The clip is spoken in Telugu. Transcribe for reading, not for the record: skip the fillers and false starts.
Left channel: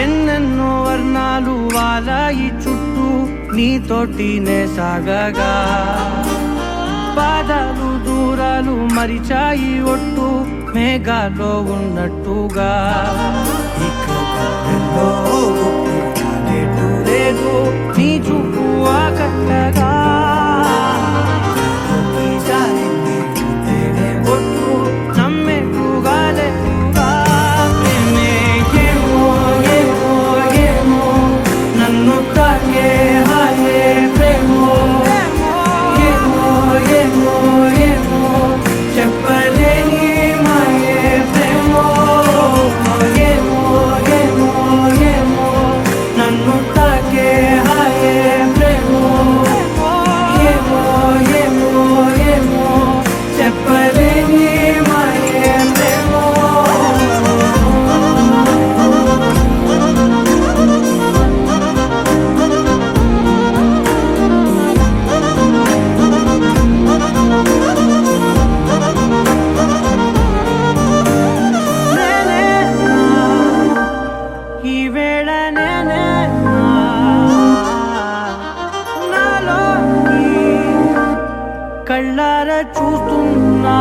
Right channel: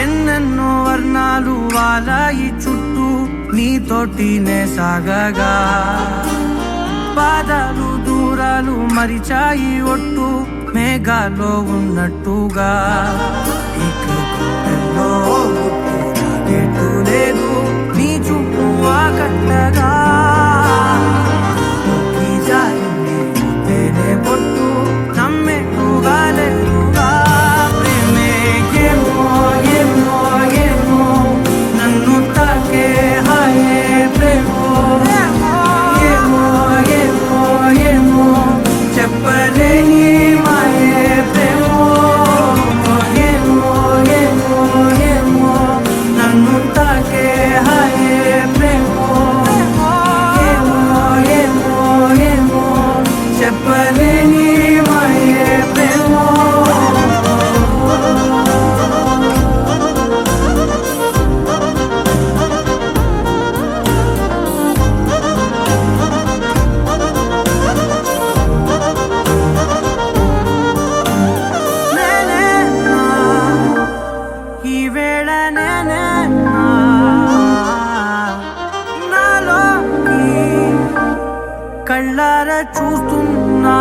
ఎన్నెన్నో వర్ణాలు వాలాయి చుట్టూ నీతోటినే సాగగా పాదాలు దూరాలు మరిచాయి ఒట్టు మేఘాలో ఉన్నట్టుగా ఇక లేదు నీ చూపు ఆకట్టగా ఈ జాలినే పొట్టు నమ్మేట్టుగా లేట్టుగా ప్రేమే ఏమో ఏమో ఏమో నన్ను తాకే హాయే ప్రేమో ఏమో ఏమో ఏమో చెప్పలేని మాయే ప్రేమో ఏమో ఏమో ఏమో నన్ను తాకే హాయే ప్రేమో ఏమో ఏమో ఏమో చెప్పలేని మాయే ప్రేమో నేనేనా ఈ వేళ నేనేనా నాలోకి కళ్ళారా చూస్తున్నా